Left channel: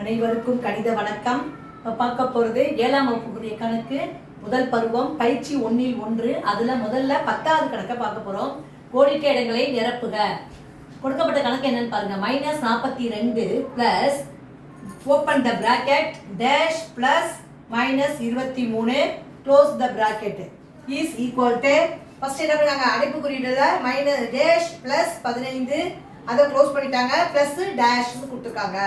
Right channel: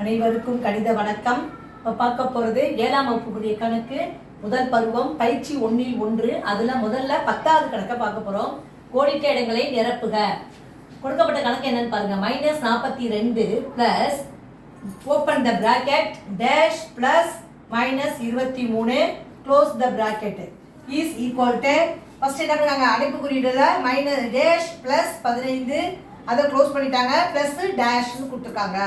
அனைவருக்கும் கணித வணக்கம். இப்போ பார்க்க போகிறது 7ஆம் வகுப்புக்குரிய கணக்கு முதல் பருவம் பயிற்சி 1 அதில் முதல்ல 10வது கணக்கை பார்க்க போகிறோம். கோடிட்ட இடங்களை நிரப்புக. கொடுக்கப்பட்ட கணக்கு என்னன்னு பாருங்க. -42 plus open the bracket dash plus -23 close the bracket is equal to first என்ன பண்ணாங்க, அடைப்புக்குறியில டேஷ் பிளஸ் 15 அதை க்ளோஸ் பண்ணிட்டாங்க, பிளஸ் டேஷ்னு கொடுத்துருக்காங்க.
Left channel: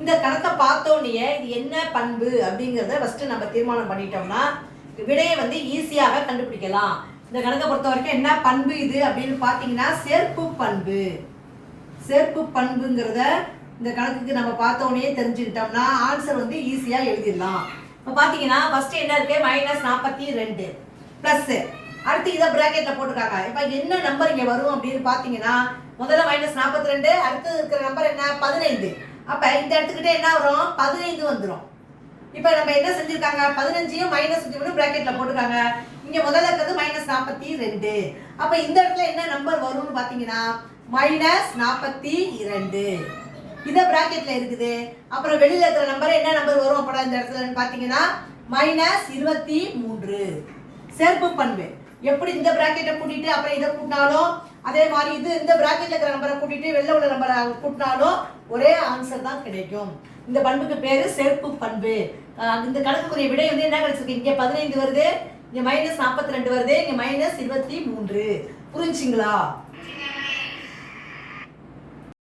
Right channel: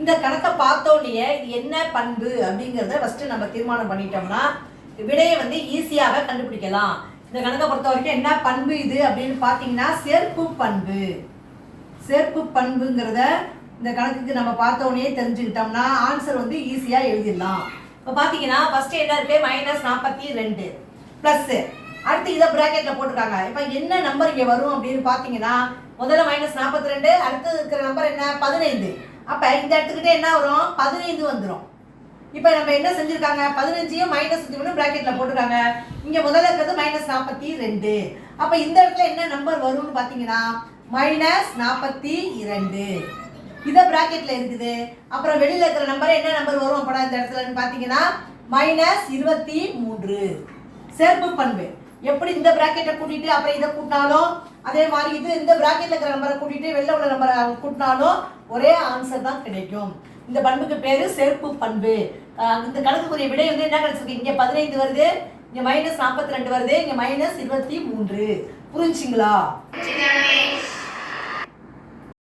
இந்த கணக்கை பார்த்தோன்னே இது என்ன பண்பு அப்படிங்கிறத ஃபர்ஸ்ட் நம்ம தீர்மானம் பண்ணிட்டோம்னா விடையை ஈஸியாக கண்டுபிடிக்கலாம். இந்த கணக்கை பொறுத்த வரைக்கும் என்ன பண்பு இது அப்படின்னு பார்த்தீங்கன்னா சேர்ப்பு பண்பு. சேர்ப்பு பண்புங்கிறத இந்த கணக்குக்கு நம்ம பார்த்தோன்னே தெரிஞ்சுக்கிட்டோம்னா ஆன்சர் ஈஸியாக எழுதிடலாம். இப்போ பார்த்தீங்கன்னா ஃபர்ஸ்ட் என்ன இருக்கு, -42 ப்ளஸ் அடுத்து இதை பிராக்கெட்ல போட்டுருக்காங்க. இப்போ என்ன நம்பர் இங்கே வரும் அப்படின்னு பார்த்தீங்கன்னா முதல்ல -42 அடுத்து இருக்கிற நம்பர் என்ன 15. அப்போ இந்த இடத்துக்கிட்ட என்ன வரும் 15 வந்துடும். இப்போ நம்ம என்ன செஞ்சுருக்காங்க 15ஐயும் -23 பிராக்கெட்ல போட்டுருக்காங்க. இங்கே முதல்ல இருக்கிறது -42. அப்போ இந்த இடத்துல என்ன நம்பர் வரும்னு பார்த்தீங்கன்னா -42 இதை பிராக்கெட்ல இருக்குது. அப்புறம் வெளியில இருக்கிற நம்பர் என்ன நம்பர் வரும் அப்போ இந்த இடத்துல பார்த்தீங்கன்னா -23. சேர்ப்பு பண்பு எப்படி இந்த பிராக்கெட்டை கூட்டிட்டு அப்புறம் இதை கூட்டினாலும் அதே மாதிரி இது இந்த பிராக்கெட்ல இருக்கிற நம்பரை கூட்டிட்டு வெளில உள்ள நம்பரை கூட்டினாலும் ஒரே ஆன்சர் தான் கிடைக்கும். இந்த பண்புக்கு பேரு சேர்ப்பு பண்பு. இந்த கணக்குக்குரிய விடை என்ன கிடைச்சிருக்கு, இங்க 15 வருது, இங்க -42 வருது, இங்க -23. புரிஞ்சுங்களா?